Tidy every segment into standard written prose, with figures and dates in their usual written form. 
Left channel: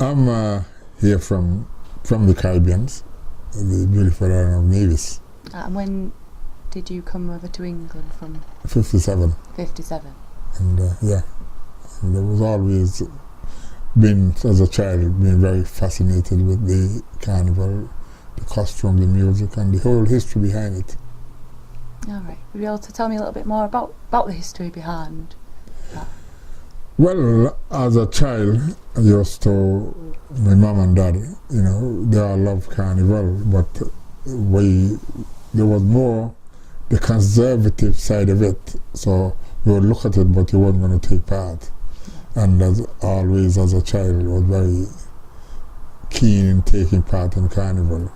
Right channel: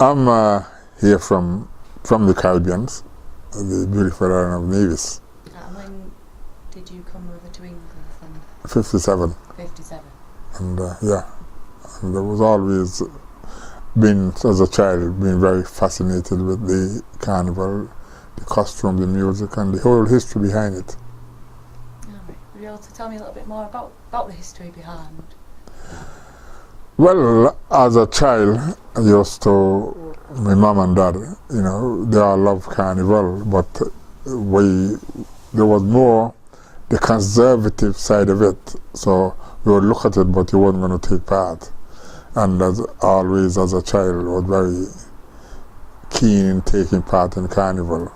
I'm here from the Caribbeans, the beautiful island of Nevis. And when did you come over to England from? 57. 57. And yeah, and there was always been, as a child, been very fascinated with the carnival, the costume, the music, and the whole history behind it. All right. Would you be able to tell me a little bit more about the history behind that? Well, as a child, I used to, my mom and dad, you know, they all love carnival, but there was more the conservative side of it. So you would look at it, but you weren't going to take part. And as always, as a child, I was very keen in taking part in carnival.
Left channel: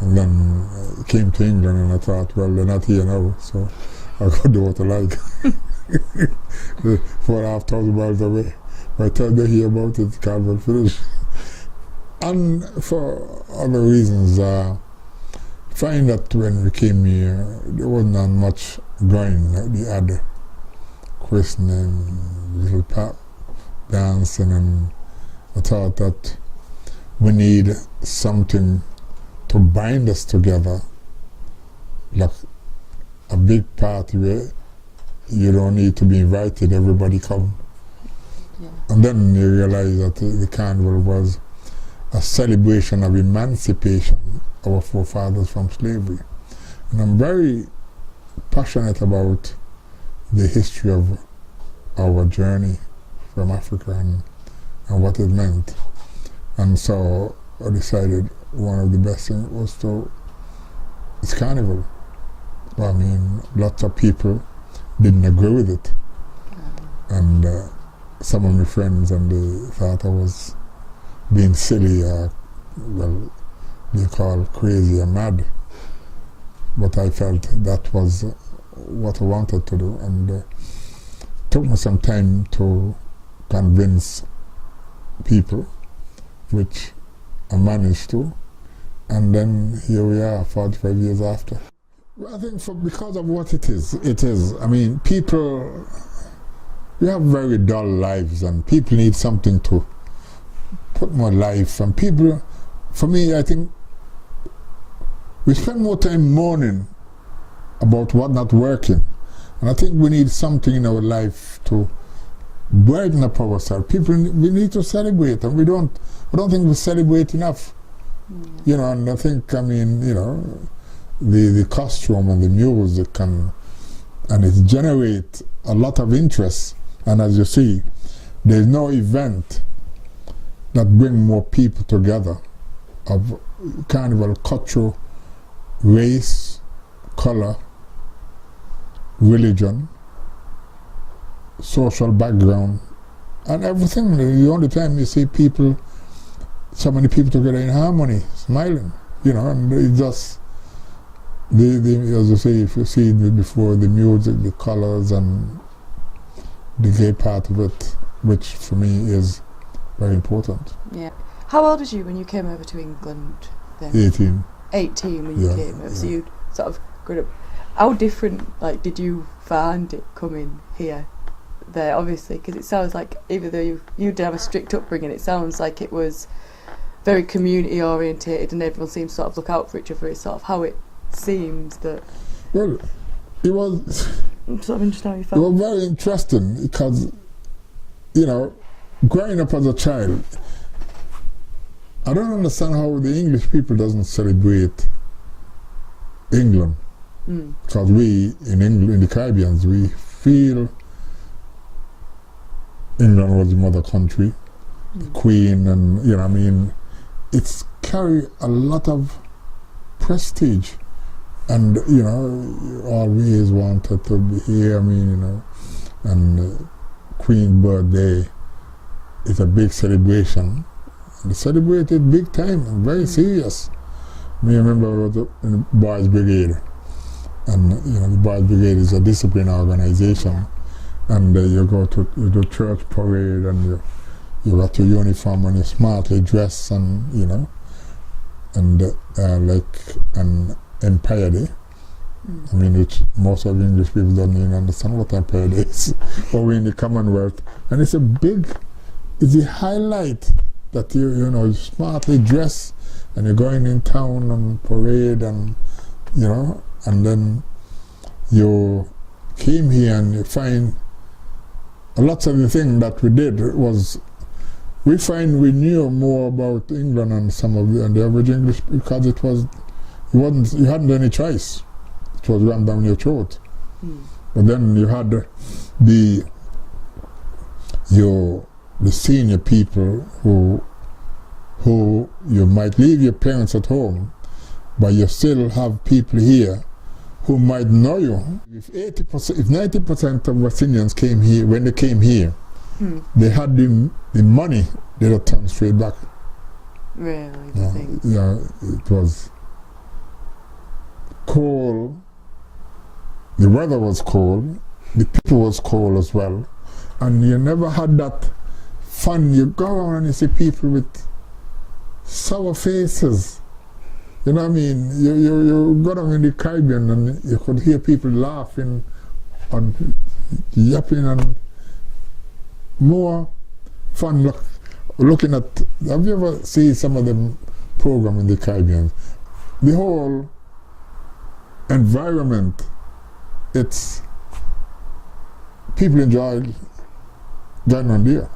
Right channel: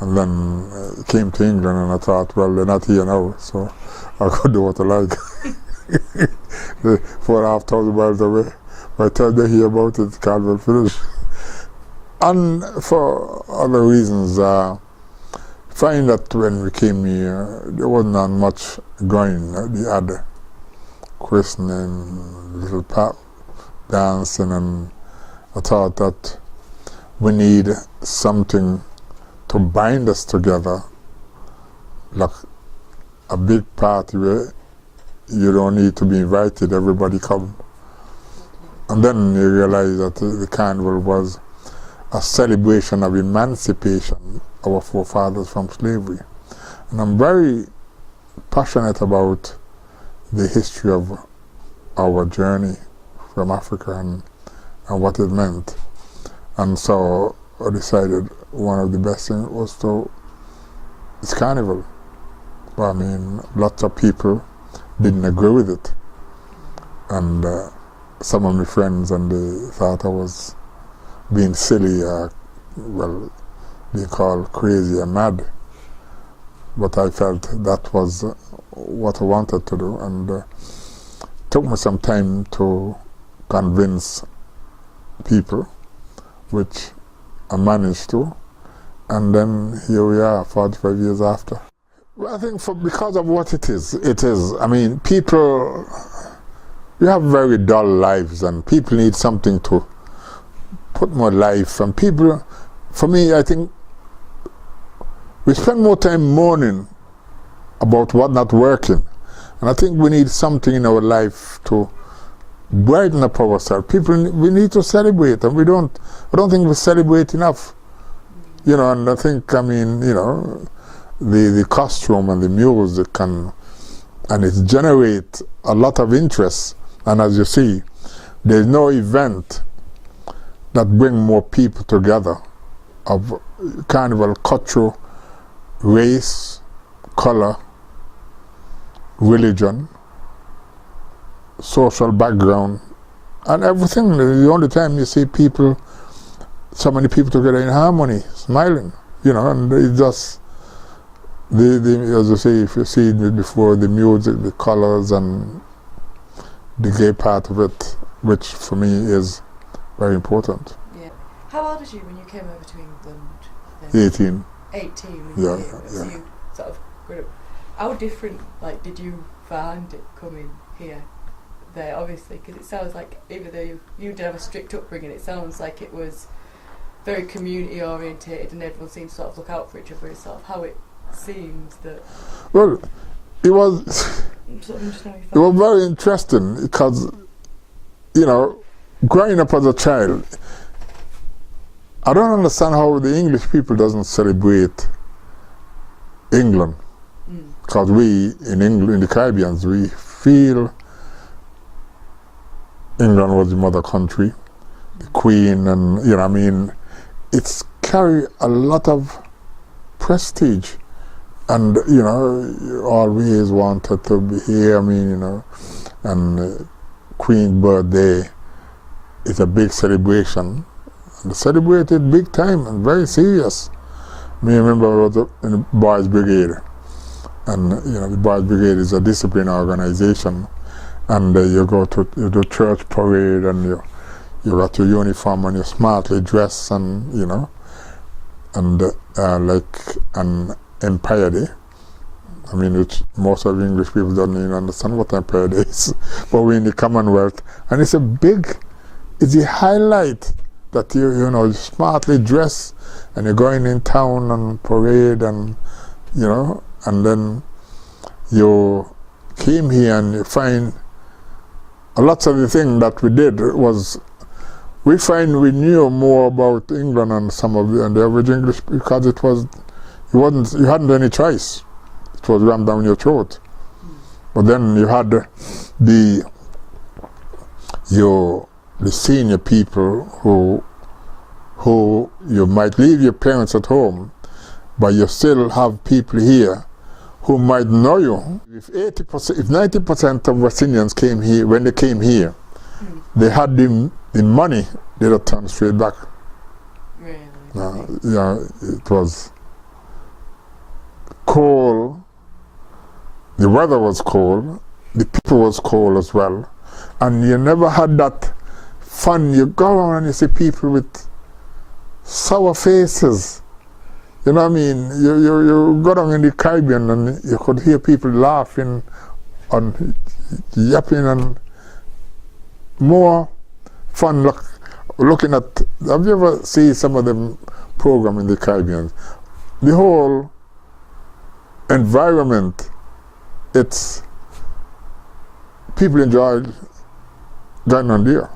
And then came to England, and I thought, well, they're not here now, so I could do what I like. 4,500 miles away. By the time they hear about it, carnival finished. And for other reasons, find that when we came here, there wasn't that much going. We had christening, little dancing, and I thought that we need something to bind us together, like a big party where you don't need to be invited, everybody come. Yeah. And then you realize that the carnival was a celebration of emancipation of our forefathers from slavery. And I'm very passionate about the history of our journey from Africa and what it meant. And so I decided one of the best things was it's carnival. I mean, lots of people didn't agree with it. And some of my friends, and they thought I was being silly, well, being called crazy and mad. But I felt that was what I wanted to do, and it took me some time to convince people, which I managed to, and then here we are 45 years after. Well, I think because of what it is, I mean, people, we have very dull lives, and people need something to put more life, and people, for me, I think we spend more time mourning about what not working, and I think we need something in our life to brighten up ourselves. People, we need to celebrate, and I don't think we celebrate enough. You know, and I think, I mean, you know, the costume and the music and it generates a lot of interest. And as you see, there's no event that brings more people together of carnival culture, race, color, religion, social background, and everything. The only time you see people, so many people together in harmony, smiling, you know, and it's just, as you say, if you see it before, the music, the colors, and the gay part of it, which for me is very important. Yeah. How old was you when you came over to England then? 18. 18 when you came over, so you sort of grew up. How different, like, did you find it coming here? There, obviously, because it sounds like, even though you did have a strict upbringing, it sounds like it was very community orientated and everyone seems to sort of look out for each other. It's sort of how it seems that... Well, it was... sort of interesting how you it felt. was very interesting because, you know, growing up as a child, I don't understand how the English people doesn't celebrate England. Because we, in England, in the Caribbean, we feel England was the mother country, the Queen, and, you know, I mean, it's carry a lot of prestige. And, you know, you always wanted to be here, I mean, you know, and Queen's birthday is a big celebration. And celebrated big time and very serious. I remember I was in the Boys Brigade, and, you know, the Boys Brigade is a discipline organization, and you do church parade, and you got your uniform and you're smartly dressed, and, you know, and like an Empire Day. I mean, which most of English people don't even understand what Empire Day is. But we're in the Commonwealth, and it's the highlight that you know, smartly dress and you're going in town and parade and, you know, and then you came here and you find a lot of the things that we did was, we find we knew more about England and some of the average English because it was, you hadn't any choice. It was rammed down your throat. But then you had the senior people who you might leave your parents at home, but you still have people here who might know you. If 90% of West Indians came here, when they came here, they had the money, they would turn straight back. Really? Yeah, it was cold. The weather was cold. The people was cold as well. And you never had that fun. You go on and you see people with sour faces. You know what I mean? You go down in the Caribbean and you could hear people laughing and yapping and more fun. Looking at, have you ever seen some of the program in the Caribbean? The whole environment, it's, people enjoy going on there.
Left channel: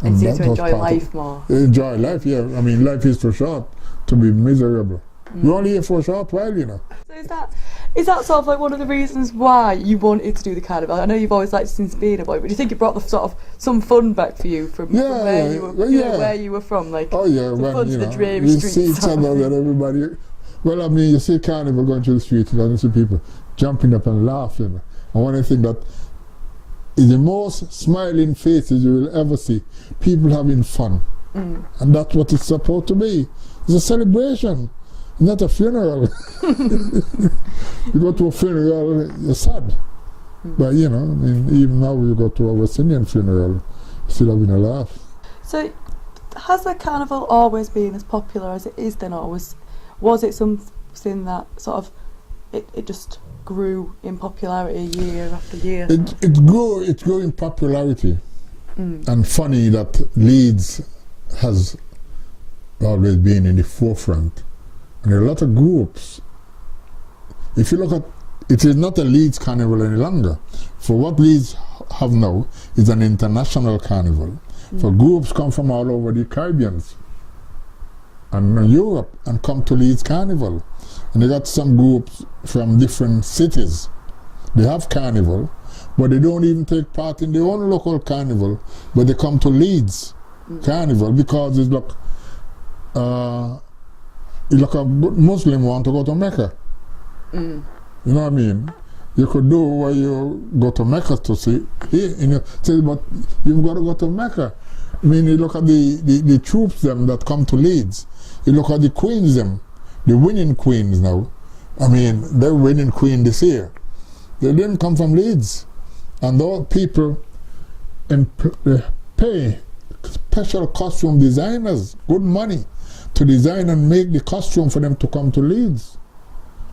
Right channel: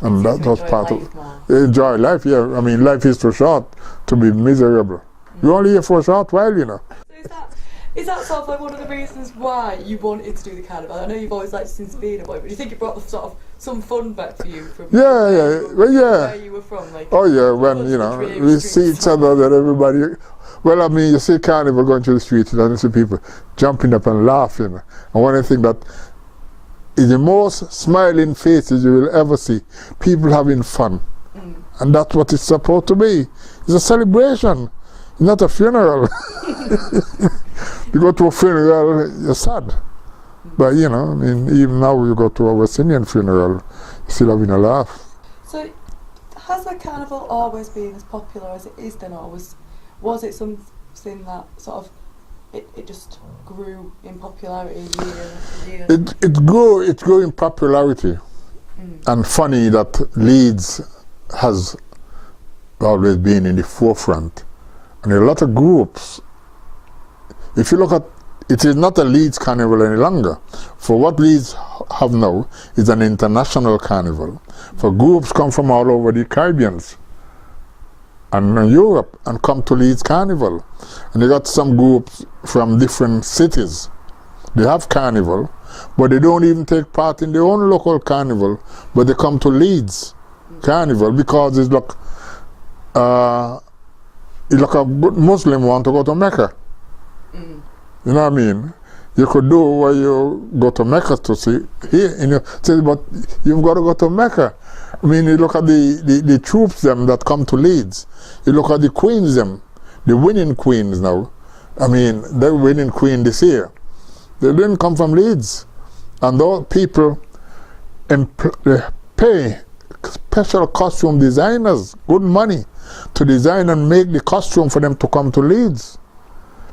And that was part of more. Enjoy life, yeah. I mean, life is too short to be miserable. You're only here for a short while, you know. So is that sort of like one of the reasons why you wanted to do the carnival? I know you've always liked it since being a boy, but do you think it brought the sort of some fun back for you from where you were from? Like, oh yeah, when you know we see each other, that everybody. Well, I mean, you see carnival going through the streets and you see people jumping up and laughing. And one of the things that is the most smiling faces you will ever see, people having fun. And that's what it's supposed to be. It's a celebration, not a funeral. You go to a funeral, you're sad. But you know, I mean, even now you go to a West Indian funeral, you're still having a laugh. So, has the carnival always been as popular as it is then, or was it something that sort of, it just grew in popularity year after year? It grew in popularity. And funny that Leeds has always been in the forefront. And a lot of groups, if you look at, it is not a Leeds carnival any longer. For what Leeds have now is an international carnival. For groups come from all over the Caribbean and Europe and come to Leeds Carnival. And they got some groups from different cities. They have carnival, but they don't even take part in their own local carnival, but they come to Leeds Carnival because it's like a good Muslim want to go to Mecca. You know what I mean? You could do where you go to Mecca to see here in your city, but you've got to go to Mecca. I mean, you look at the troops them that come to Leeds. You look at the queens them, the winning queens now. I mean, they're winning queen this year. They didn't come from Leeds. And those people they pay special costume designers good money to design and make the costume for them to come to Leeds.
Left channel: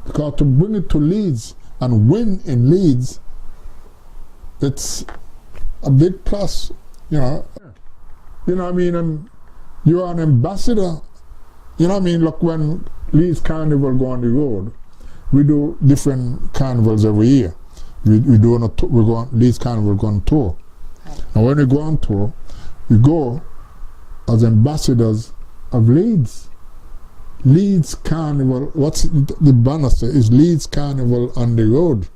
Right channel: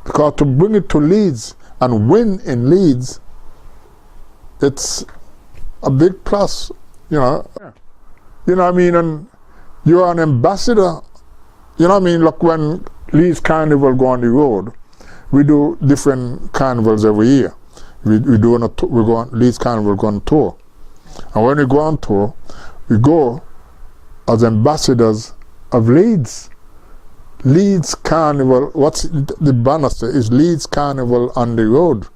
Because to bring it to Leeds and win in Leeds, it's a big plus, you know. You know what I mean? And you're an ambassador. You know what I mean? Like when Leeds Carnival go on the road, we do different carnivals every year. We go on Leeds Carnival go on tour. And when we go on tour, we go as ambassadors of Leeds. Leeds Carnival, what's the banner say, is Leeds Carnival on the road.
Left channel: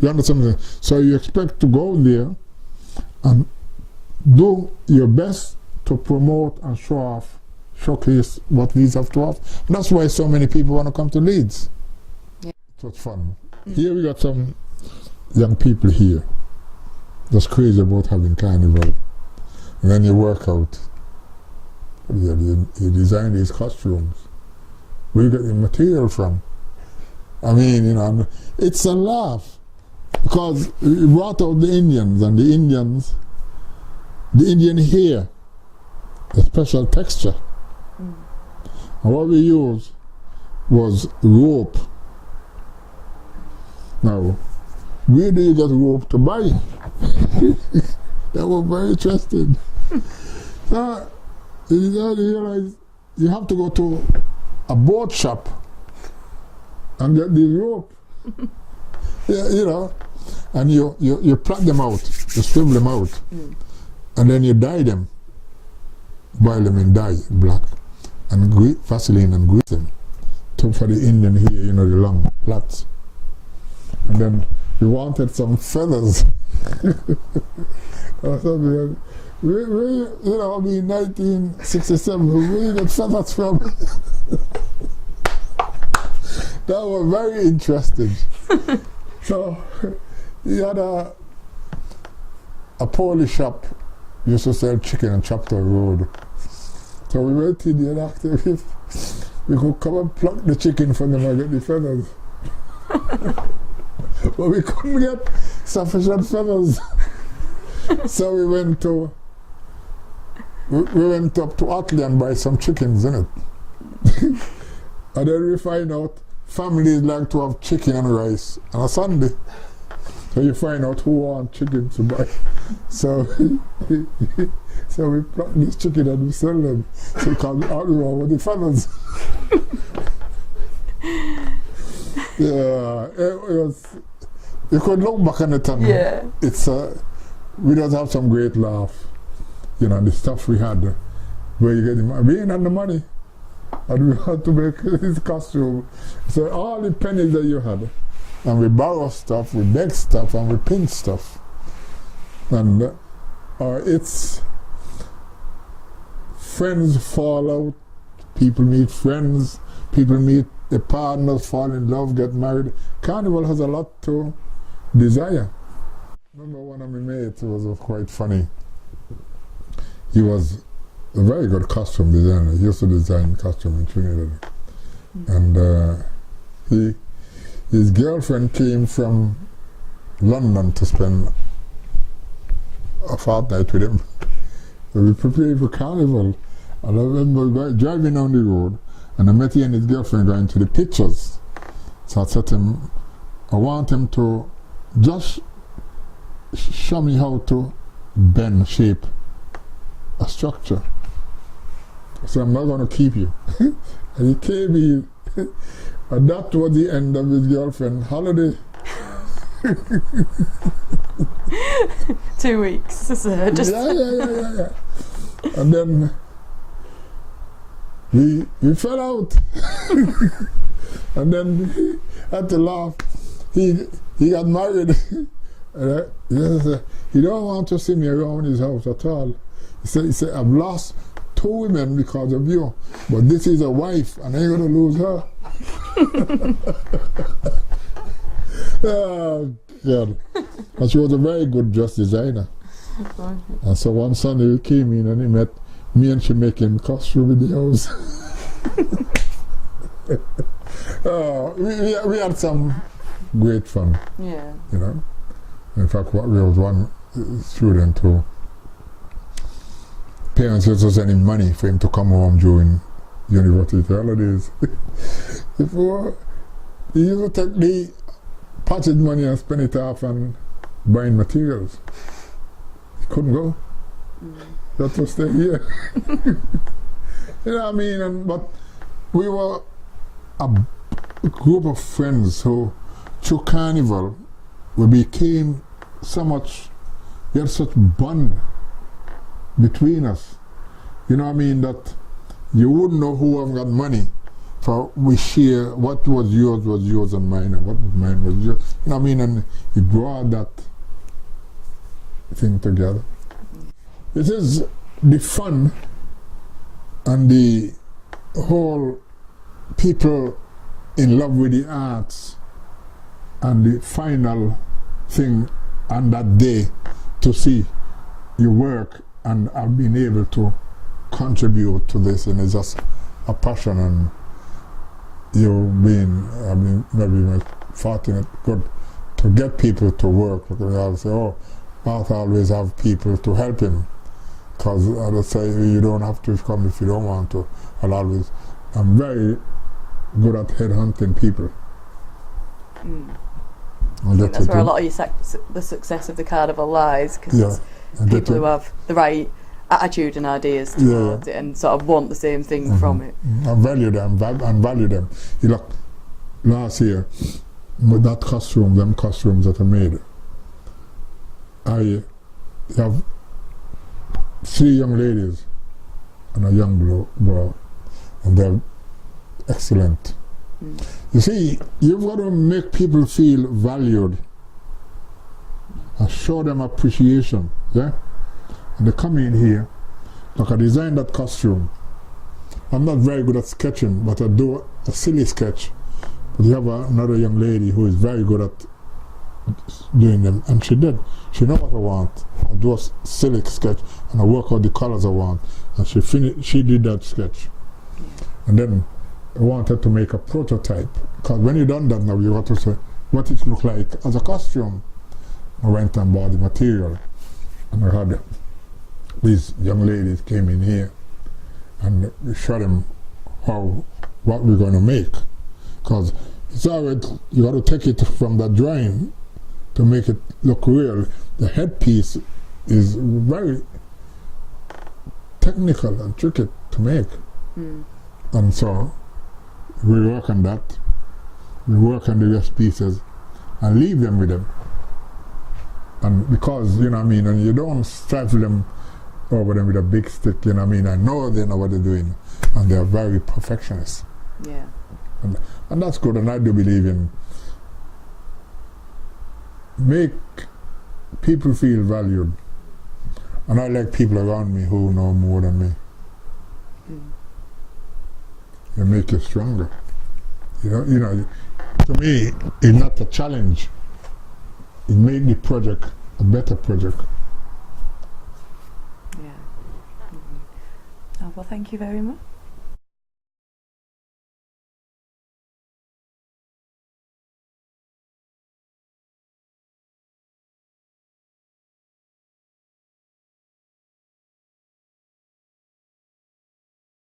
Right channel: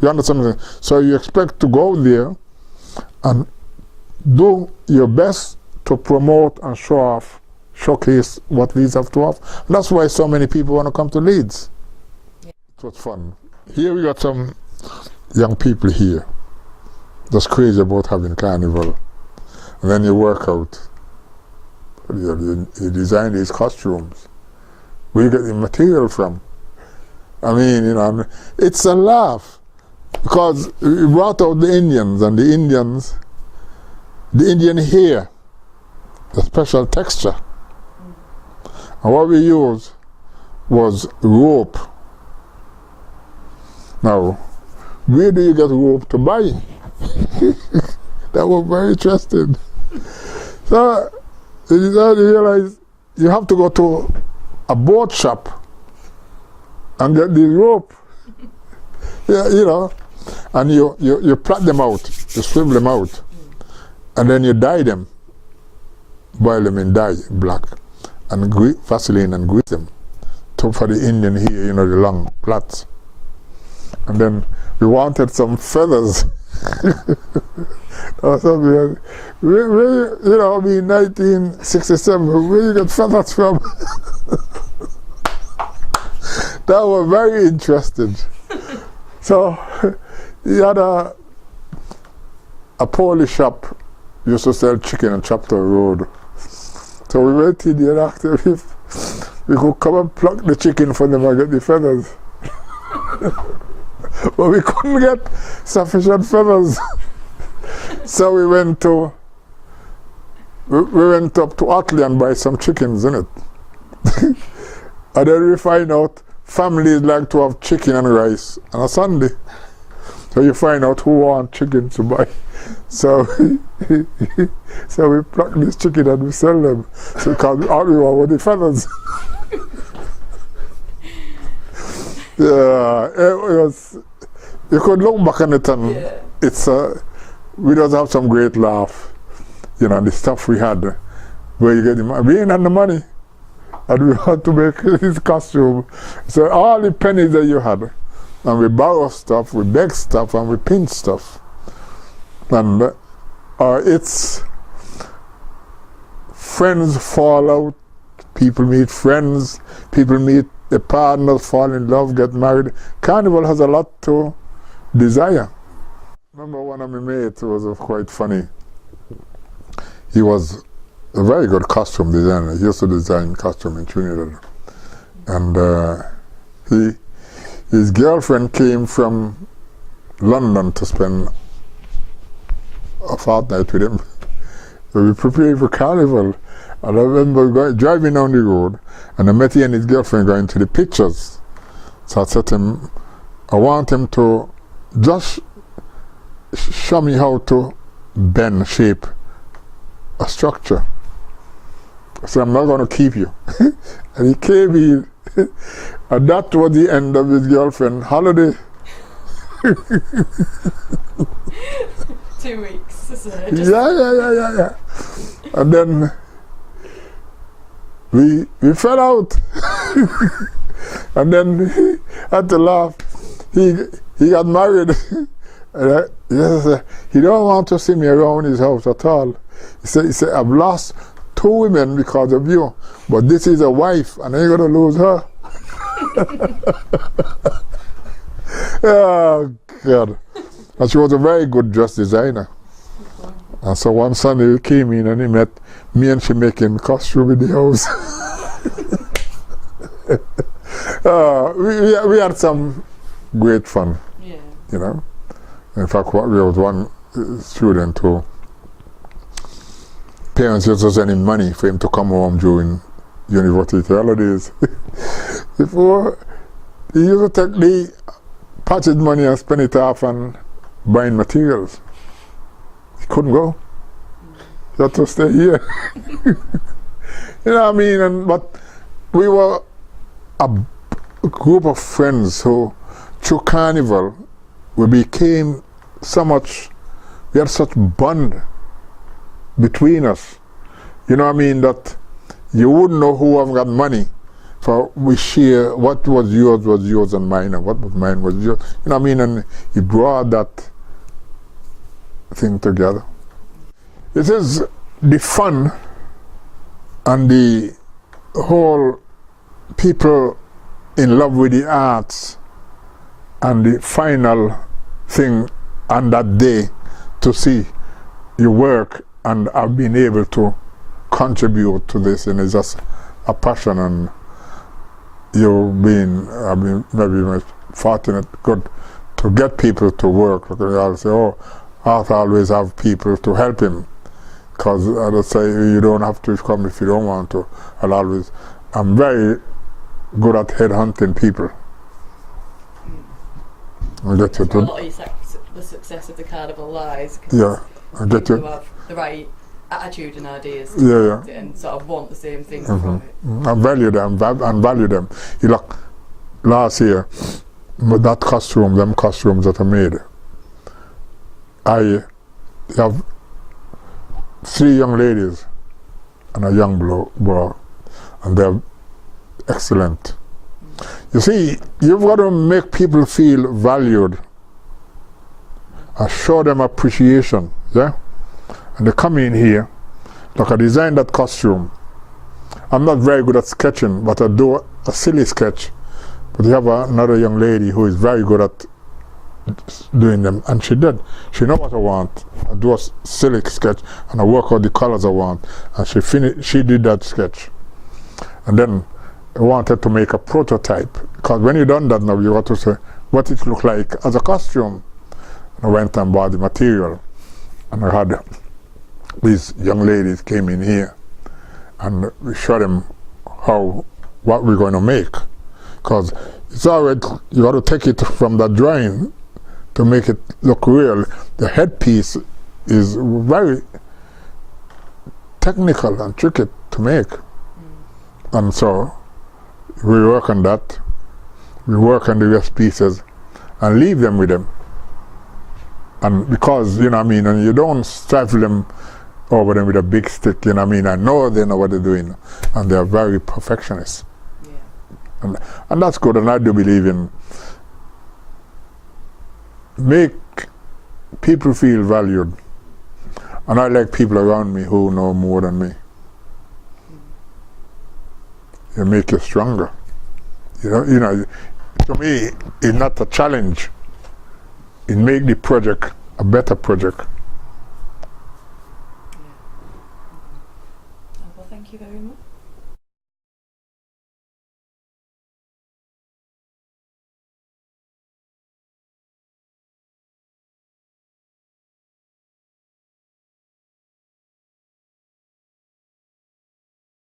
You understand? So you expect to go there and do your best to promote and showcase what Leeds have to offer. And that's why so many people want to come to Leeds. Yeah. It was fun. Here we got some young people here that's crazy about having carnival. And then you work out. You design these costumes. Where you get the material from? I mean, you know, it's a laugh. Because we brought out the Indians, and the Indian hair, the special texture. And what we used was rope. Now, where do you get rope to buy? That was very interesting. So, You don't realize you have to go to a boat shop and get these rope. Yeah, you know, and you plait them out, you swivel them out, and then you dye them, boil them in dye, black, and Vaseline and grease them. For the Indian here, you know, the long plaits. And then we wanted some feathers. Or something. You know, in 1967, where you get feathers from? That was very interesting. So, he had a Polish shop, used to sell chicken on Chapter Road. So we went in there after we could come and pluck the chicken from them and get the feathers. But we couldn't get sufficient feathers. So we went up to Otley and buy some chickens, innit? And then we find out families like to have chicken and rice on a Sunday. So you find out who wants chicken to buy. So so we pluck this chicken and we sell them. So because all we want were the feathers. Yeah, it was. You could look back on it and it's we just have some great laugh. You know, the stuff we had, where you get the money. We ain't had the money, and we had to make his costume. So all the pennies that you had, and we borrow stuff, we beg stuff, and we pinch stuff. And it's friends fall out, people meet friends, people meet the partners, fall in love, get married. Carnival has a lot to desire. Remember one of my mates was quite funny. He was a very good costume designer. He used to design costume in Trinidad. And his girlfriend came from London to spend a fortnight with him. So we prepared for Carnival. And I remember driving down the road, and I met he and his girlfriend going to the pictures. So I said to him, I want him to just show me how to bend, shape a structure. I said, I'm not going to keep you. And he came in, and that was the end of his girlfriend holiday. 2 weeks. So Yeah. And then we fell out. And then he had to laugh. He got married. And he don't want to see me around his house at all. He said, I've lost 2 women because of you, but this is a wife, and I'm going to lose her. Oh, God. And she was a very good dress designer. And so one Sunday he came in and he met me, and she making costume in the house. We had some great fun. Yeah. You know. In fact, there was one student who parents used to send him money for him to come home during university holidays. Before, he used to take the pocket money and spend it off on buying materials. He couldn't go. He had to stay here. You know what I mean? But we were a group of friends who, through Carnival, we became so much, we had such bond between us. You know what I mean? That you wouldn't know who have got money, for we share what was yours and mine, and what was mine was yours. You know what I mean? And he brought that thing together. It is the fun and the whole people in love with the arts, and the final thing on that day to see your work and have been able to contribute to this, and it's just a passion, and you've been, maybe fortunate, good to get people to work. Because I'll say, oh, Art always have people to help him, because I'll say you don't have to come if you don't want to. I'm very good at headhunting people. That's where a lot of the success of the Carnival lies, because people who have the right attitude and ideas towards it, and sort of want the same thing from it. And value them. You look, last year, them costumes that I made, I have 3 young ladies and a young boy, and they're excellent. You see, you've got to make people feel valued and show them appreciation, yeah? And they come in here, like I designed that costume. I'm not very good at sketching, but I do a silly sketch. But you have another young lady who is very good at doing them, and she did. She knows what I want. I do a silly sketch, and I work out the colors I want, and she did that sketch. And then I wanted to make a prototype, because when you done that now, you got to say what it looked like as a costume. I went and bought the material, and I had these young ladies came in here, and we showed them what we're going to make, because it's already, you got to take it from the drawing to make it look real. The headpiece is very technical and tricky to make. And so we work on that. We work on the rest pieces and leave them with them. And because, you know what I mean, and you don't stifle them over them with a big stick, you know what I mean. I know they know what they're doing, and they're very perfectionists. Yeah. And that's good, and I do believe in make people feel valued. And I like people around me who know more than me. It make you stronger. You know, to me, it's not a challenge. It make the project a better project. Yeah. Oh, well, thank you very much.